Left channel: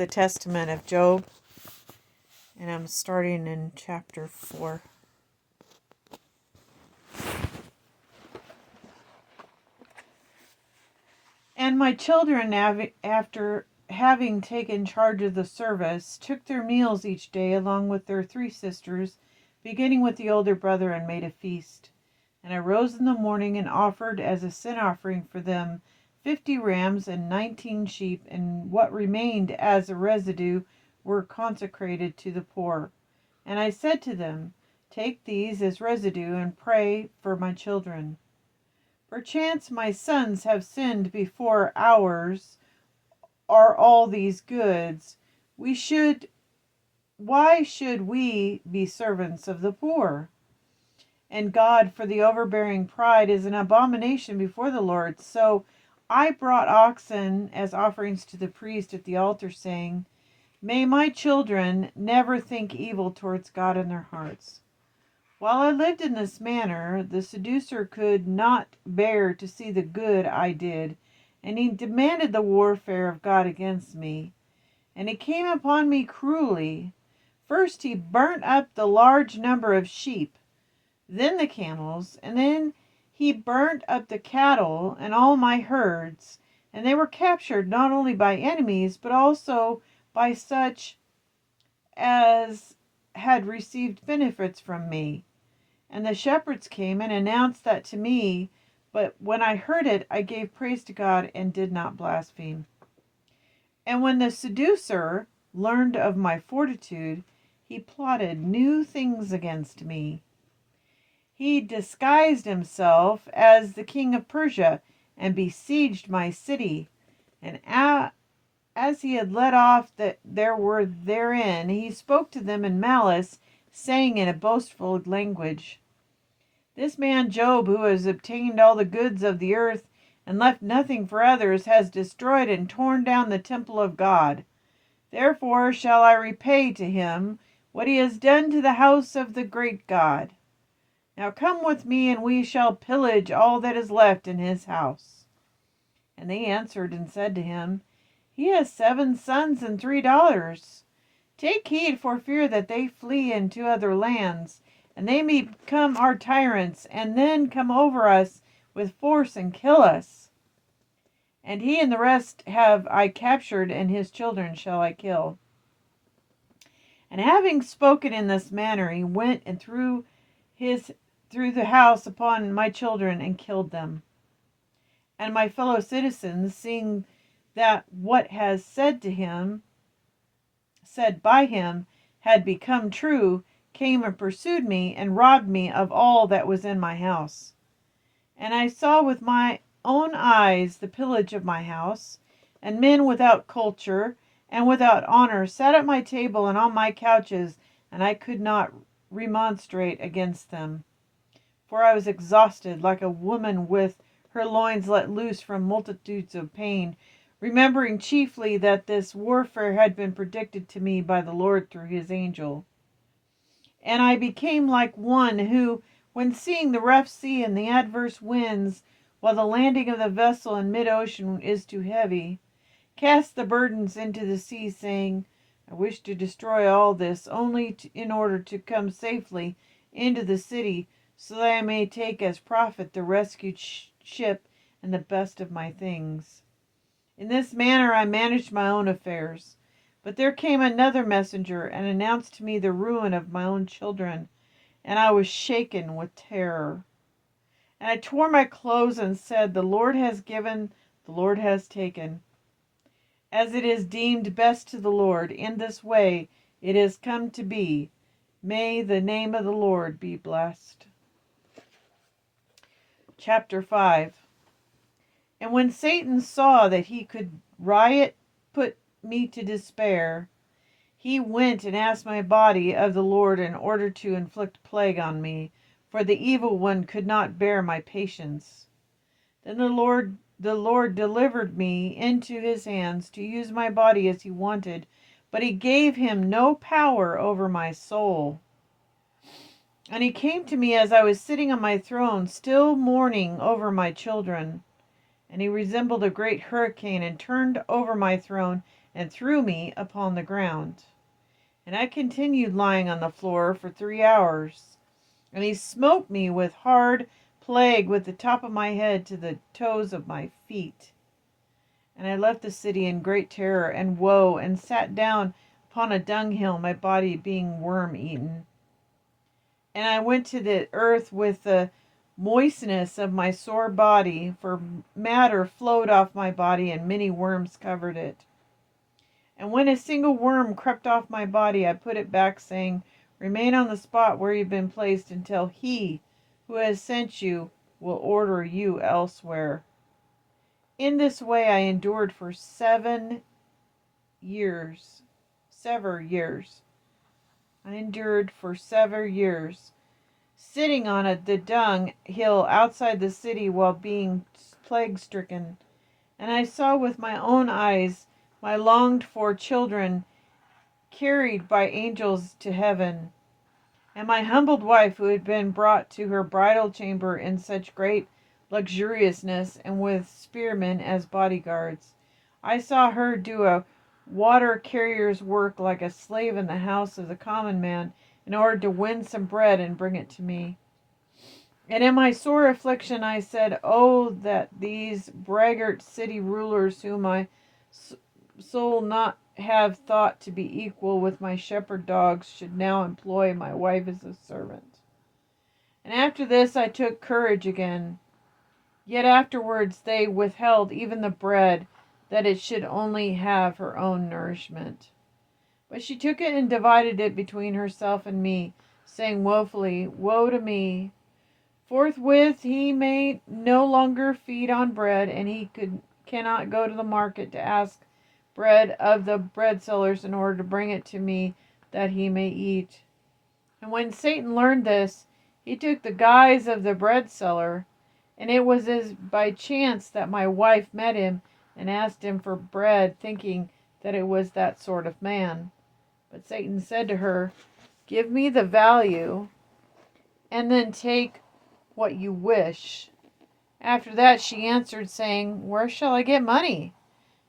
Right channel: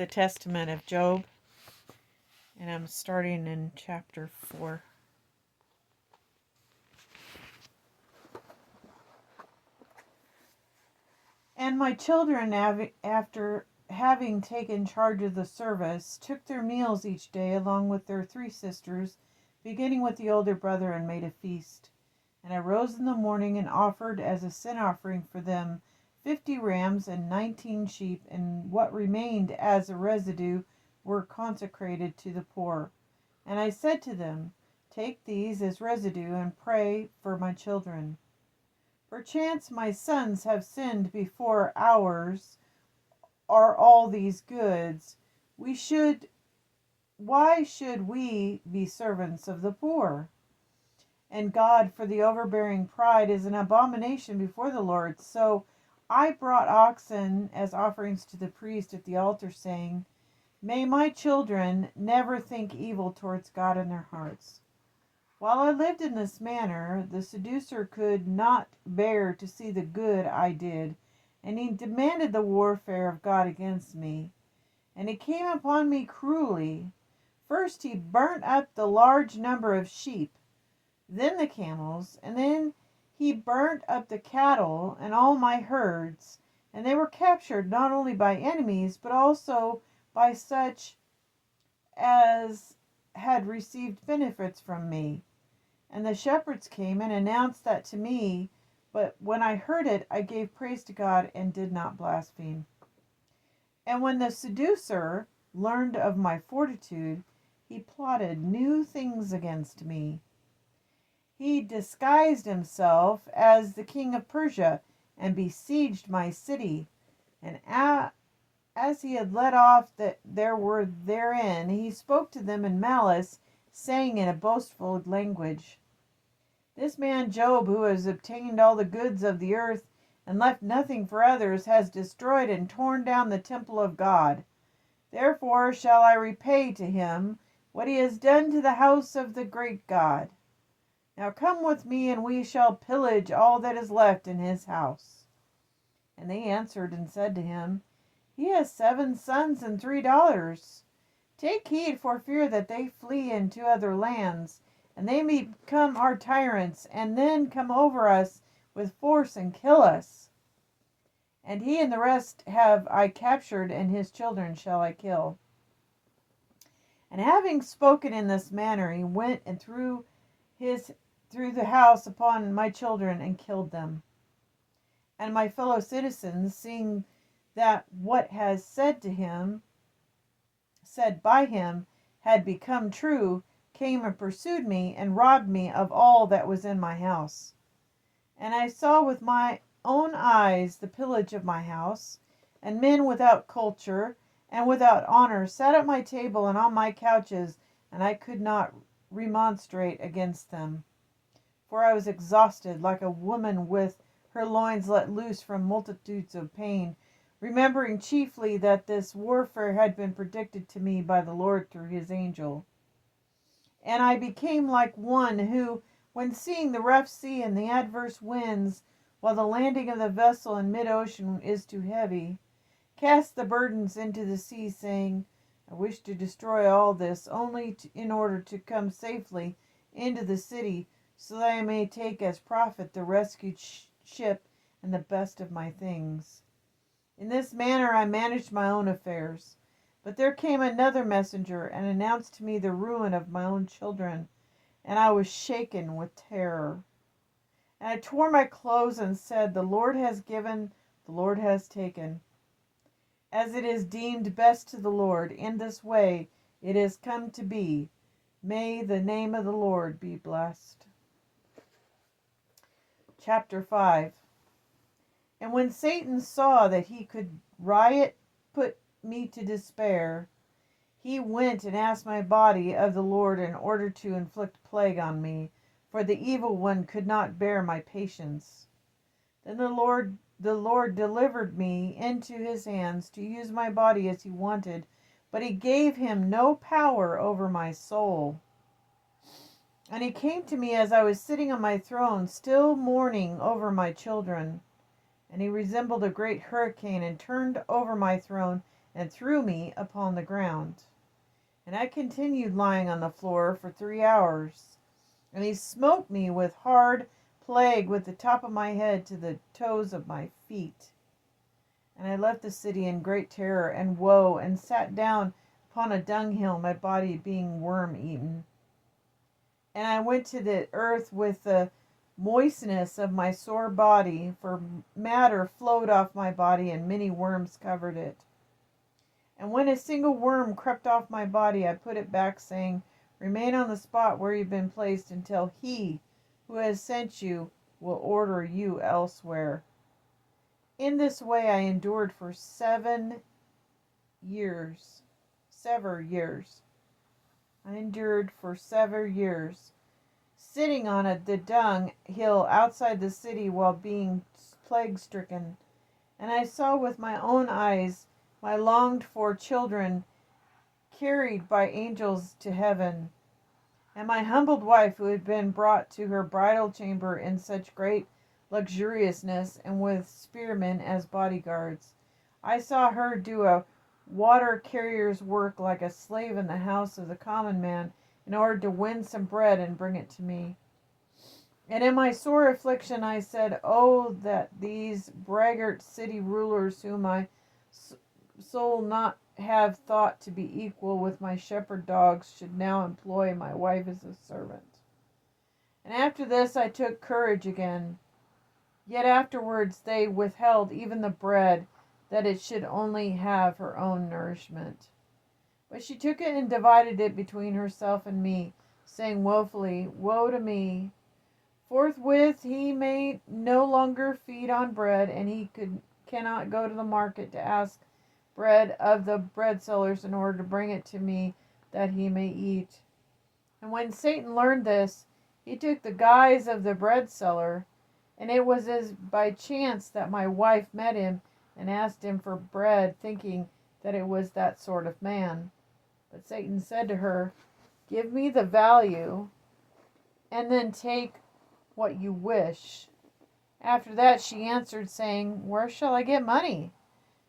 the Testament of Job, and I'm starting in chapter 4. And my children, after having taken charge of the service, took their meals each day along with their 3 sisters, beginning with the older brother, and made a feast. And I rose in the morning and offered as a sin offering for them 50 rams and 19 sheep, and what remained as a residue were consecrated to the poor. And I said to them, take these as residue and pray for my children. Perchance my sons have sinned before ours are all these goods. Why should we be servants of the poor? And God, for the overbearing pride, is an abomination before the Lord. So I brought oxen as offerings to the priest at the altar, saying, may my children never think evil towards God in their hearts. While I lived in this manner, the seducer could not bear to see the good I did, and he demanded the warfare of God against me. And he came upon me cruelly. First he burnt up the large number of sheep, then the camels, and then he burnt up the cattle and all my herds, and they were captured not only by enemies, but also by such as had received benefits from me. And the shepherds came and announced that to me, but when I heard it, I gave praise to God and did not blaspheme. And when the seducer learned of my fortitude, he plotted new things against me. He disguised himself as the king of Persia and besieged my city. And as he had let off that there were therein, he spoke to them in malice, saying in a boastful language, this man Job, who has obtained all the goods of the earth and left nothing for others, has destroyed and torn down the temple of God. Therefore shall I repay to him what he has done to the house of the great God. Now come with me, and we shall pillage all that is left in his house. And they answered and said to him, he has 7 sons and 3 daughters. Take heed for fear that they flee into other lands, and they may become our tyrants, and then come over us with force and kill us. And he and the rest have I captured, and his children shall I kill. And having spoken in this manner, he went and threw the house upon my children and killed them. And my fellow citizens, seeing that what has said by him had become true, came and pursued me and robbed me of all that was in my house. And I saw with my own eyes the pillage of my house, and men without culture and without honor sat at my table and on my couches, and I could not remonstrate against them. For I was exhausted like a woman with her loins let loose from multitudes of pain, remembering chiefly that this warfare had been predicted to me by the Lord through his angel. And I became like one who, when seeing the rough sea and the adverse winds, while the landing of the vessel in mid-ocean is too heavy, cast the burdens into the sea, saying, I wish to destroy all this, only in order to come safely into the city, so that I may take as profit the rescued ship and the best of my things. In this manner I managed my own affairs. But there came another messenger and announced to me the ruin of my own children, and I was shaken with terror. And I tore my clothes and said, the Lord has given, the Lord has taken. As it is deemed best to the Lord, in this way it has come to be. May the name of the Lord be blessed. Chapter 5. And when Satan saw that he could put me to despair, he went and asked my body of the Lord in order to inflict plague on me, for the evil one could not bear my patience. Then the Lord delivered me into his hands to use my body as he wanted, but he gave him no power over my soul. And he came to me as I was sitting on my throne, still mourning over my children. And he resembled a great hurricane, and turned over my throne, and threw me upon the ground. And I continued lying on the floor for 3 hours. And he smote me with hard plague with the top of my head to the toes of my feet. And I left the city in great terror and woe, and sat down upon a dunghill, my body being worm-eaten. And I went to the earth with the moistness of my sore body, for matter flowed off my body, and many worms covered it. And when a single worm crept off my body, I put it back, saying, Remain on the spot where you've been placed until he who has sent you will order you elsewhere. In this way I endured for 7 years. I endured for 7 years, sitting on the dung hill outside the city while being plague-stricken. And I saw with my own eyes my longed-for children carried by angels to heaven, and my humbled wife, who had been brought to her bridal chamber in such great luxuriousness, and with spearmen as bodyguards. I saw her do a water carrier's work like a slave in the house of the common man, in order to win some bread and bring it to me. And in my sore affliction I said, Oh, that these braggart city rulers, whom my soul not have thought to be equal with my shepherd dogs, should now employ my wife as a servant. And after this I took courage again. Yet afterwards they withheld even the bread, that it should only have her own nourishment. But she took it and divided it between herself and me, saying woefully, Woe to me! Forthwith he may no longer feed on bread, and he cannot go to the market to ask bread of the bread sellers in order to bring it to me that he may eat. And when Satan learned this, he took the guise of the bread seller, and it was as by chance that my wife met him and asked him for bread, thinking that it was that sort of man. But Satan said to her, Give me the value, and then take what you wish. After that she answered, saying, Where shall I get money?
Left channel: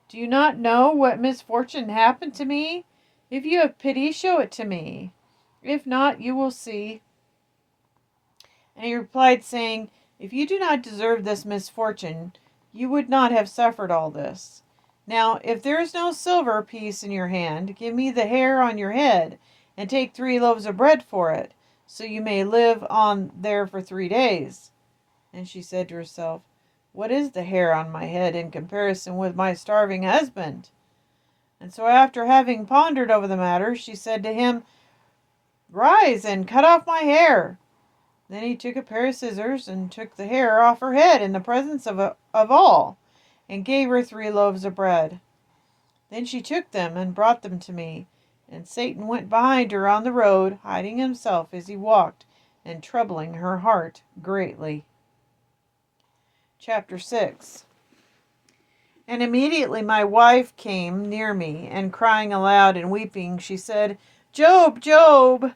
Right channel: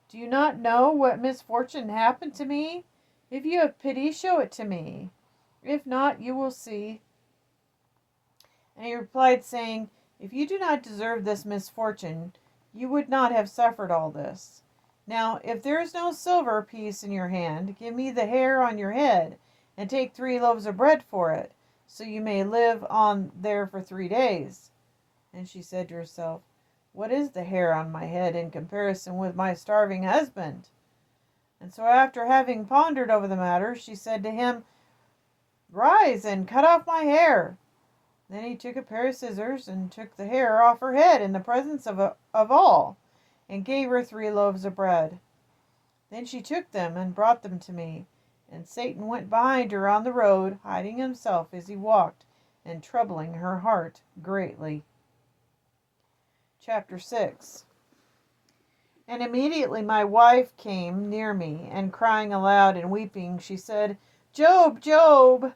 Do you not know what misfortune happened to me? If you have pity, show it to me. If not, you will see. And he replied, saying, If you do not deserve this misfortune, you would not have suffered all this. Now, if there is no silver piece in your hand, give me the hair on your head, and take 3 loaves of bread for it, so you may live on there for 3 days. And she said to herself, What is the hair on my head in comparison with my starving husband? And so after having pondered over the matter, she said to him, Rise and cut off my hair. Then he took a pair of scissors and took the hair off her head in the presence of all, and gave her 3 loaves of bread. Then she took them and brought them to me, and Satan went behind her on the road, hiding himself as he walked, and troubling her heart greatly. Chapter 6. And immediately my wife came near me, and crying aloud and weeping, she said, Job, Job,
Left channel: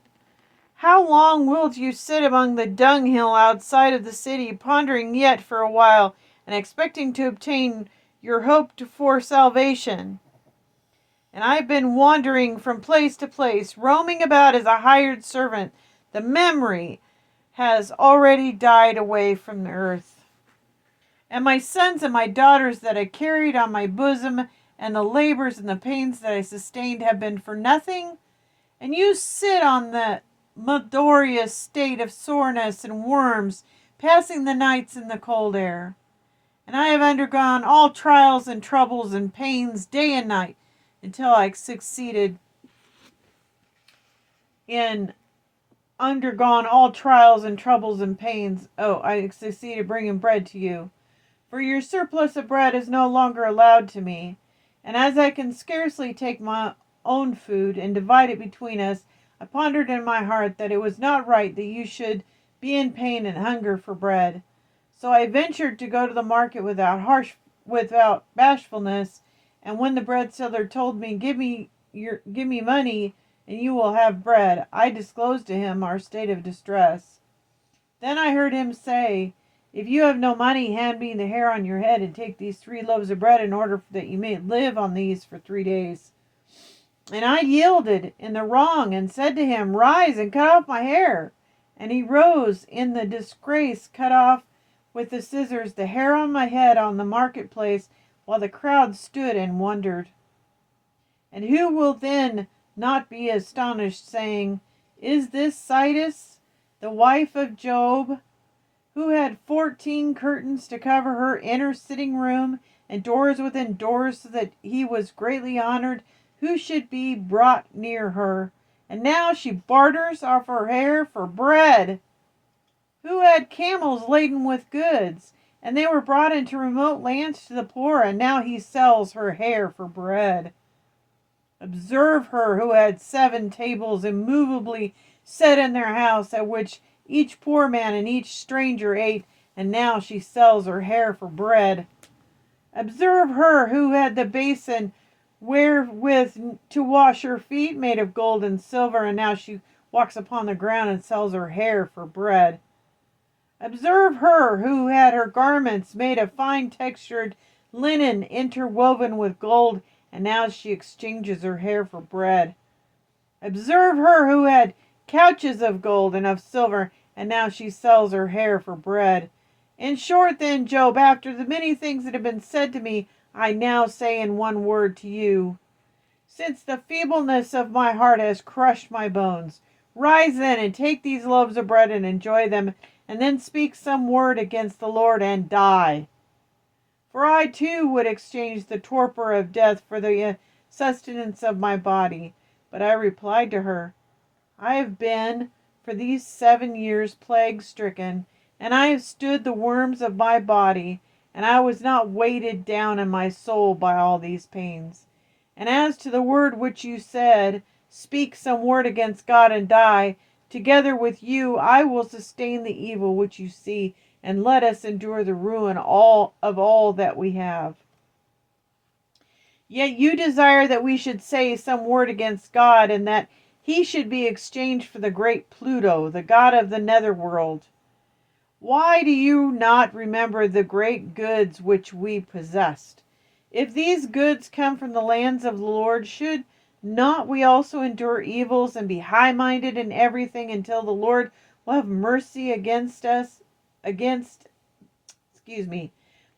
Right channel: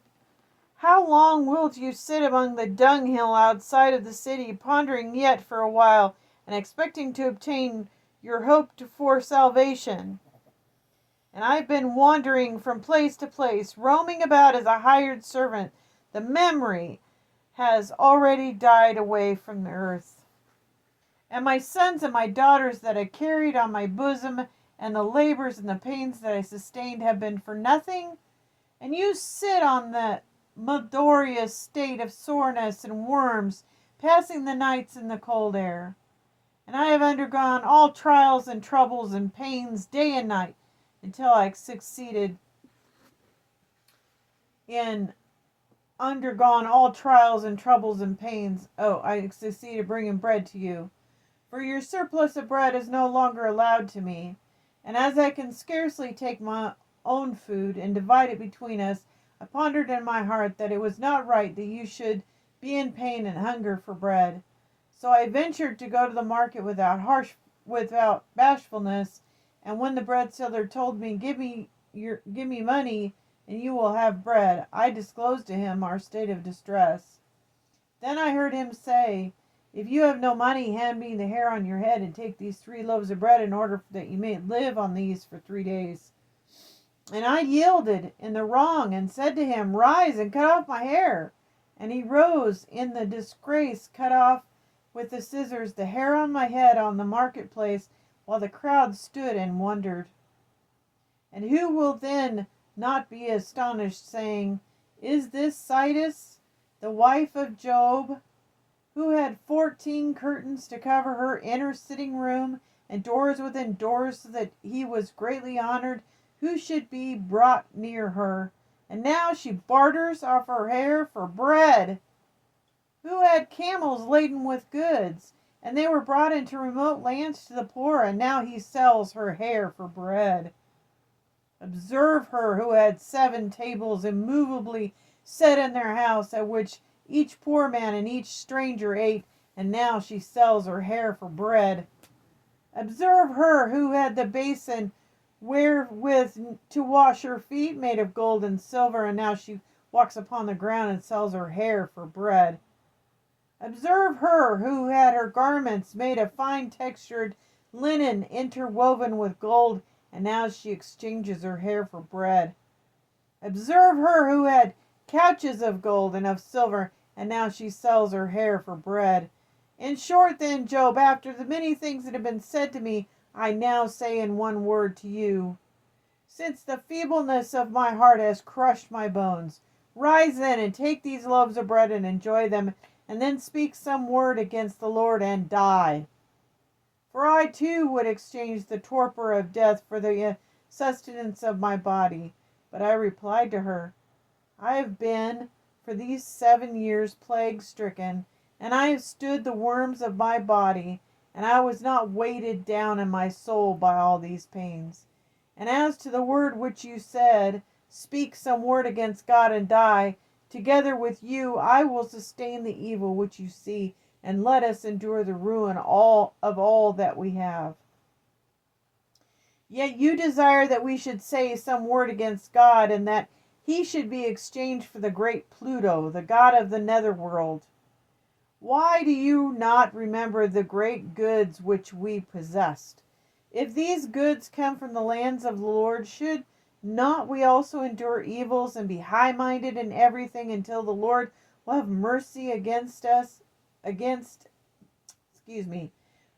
how long wilt you sit among the dunghill outside of the city, pondering yet for a while, and expecting to obtain your hope for salvation? And I have been wandering from place to place, roaming about as a hired servant. The memory has already died away from the earth. And my sons and my daughters that I carried on my bosom, and the labors and the pains that I sustained have been for nothing? And you sit on the malodorous state of soreness and worms, passing the nights in the cold air. And I have undergone all trials and troubles and pains day and night, until I succeeded in undergone all trials and troubles and pains. I succeeded bringing bread to you. For your surplus of bread is no longer allowed to me, and as I can scarcely take my own food and divide it between us, I pondered in my heart that it was not right that you should be in pain and hunger for bread. So I ventured to go to the market without bashfulness, and when the bread seller told me, give me money, and you will have bread, I disclosed to him our state of distress. Then I heard him say, If you have no money, hand me the hair on your head and take these 3 loaves of bread in order that you may live on these for 3 days. And I yielded in the wrong and said to him, Rise and cut off my hair. And he rose in the disgrace, cut off with the scissors the hair on my head on the marketplace, while the crowd stood and wondered. And who will then not be astonished, saying, Is this Sidus, the wife of Job, who had 14 curtains to cover her inner sitting room, and doors within doors, so that he was greatly honored, who should be brought near her? And now she barters off her hair for bread. Who had camels laden with goods, and they were brought into remote lands to the poor, and now he sells her hair for bread. Observe her who had 7 tables immovably set in their house, at which each poor man and each stranger ate, and now she sells her hair for bread. Observe her who had the basin wherewith to wash her feet, made of gold and silver, and now she walks upon the ground and sells her hair for bread. Observe her who had her garments made of fine textured linen interwoven with gold, and now she exchanges her hair for bread. Observe her who had couches of gold and of silver, and now she sells her hair for bread. In short, then, Job, after the many things that have been said to me, I now say in one word to you, since the feebleness of my heart has crushed my bones, rise then and take these loaves of bread and enjoy them, and then speak some word against the Lord and die. For I too would exchange the torpor of death for the sustenance of my body. But I replied to her, I have been for these 7 years plague-stricken, and I have stood the worms of my body, and I was not weighted down in my soul by all these pains. And as to the word which you said, speak some word against God and die, together with you I will sustain the evil which you see, and let us endure the ruin of all that we have. Yet you desire that we should say some word against God, and that he should be exchanged for the great Pluto, the god of the netherworld. Why do you not remember the great goods which we possessed? If these goods come from the lands of the Lord, should not we also endure evils and be high-minded in everything until the Lord will have mercy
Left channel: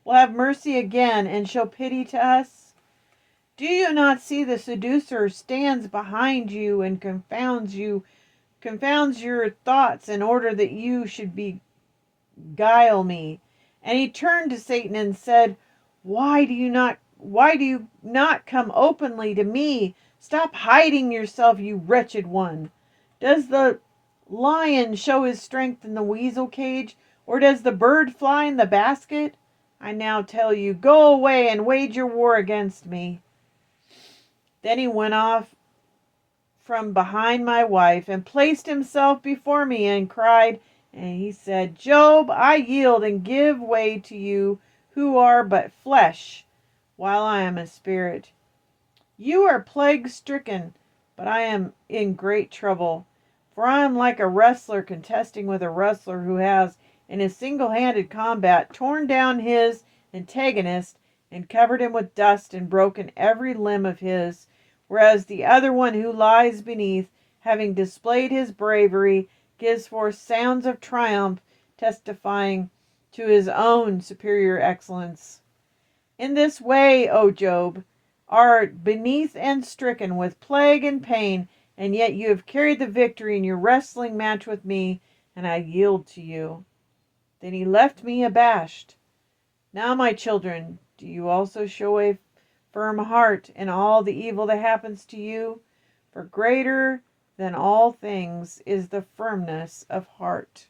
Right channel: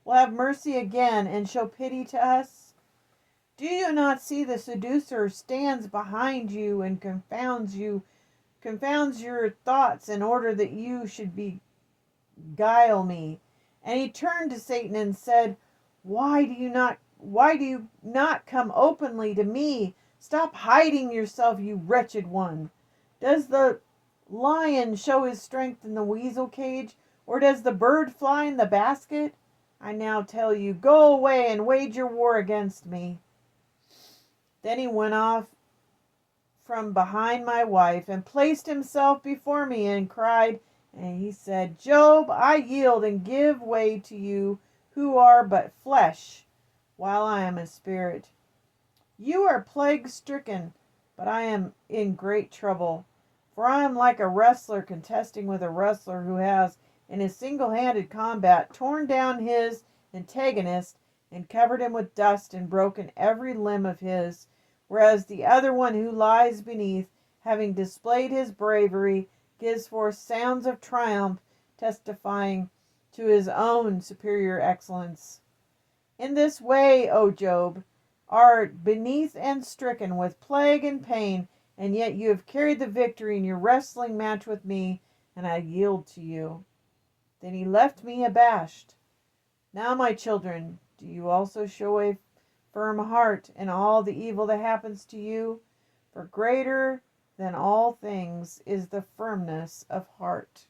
will have mercy again and show pity to us? Do you not see the seducer stands behind you and confounds your thoughts in order that you should beguile me? And he turned to Satan and said, Why do you not come openly to me? Stop hiding yourself, you wretched one. Does the lion show his strength in the weasel cage, or does the bird fly in the basket? I now tell you, go away and wage your war against me. Then he went off from behind my wife and placed himself before me and cried, and he said, Job, I yield and give way to you who are but flesh, while I am a spirit. You are plague-stricken, but I am in great trouble. For I am like a wrestler contesting with a wrestler who has, in a single-handed combat, torn down his antagonist and covered him with dust and broken every limb of his, whereas the other one who lies beneath, having displayed his bravery, gives forth sounds of triumph, testifying to his own superior excellence. In this way, O Job, art beneath and stricken with plague and pain, and yet you have carried the victory in your wrestling match with me, and I yield to you. Then he left me abashed. Now, my children, do you also show a firm heart in all the evil that happens to you? For greater than all things is the firmness of heart.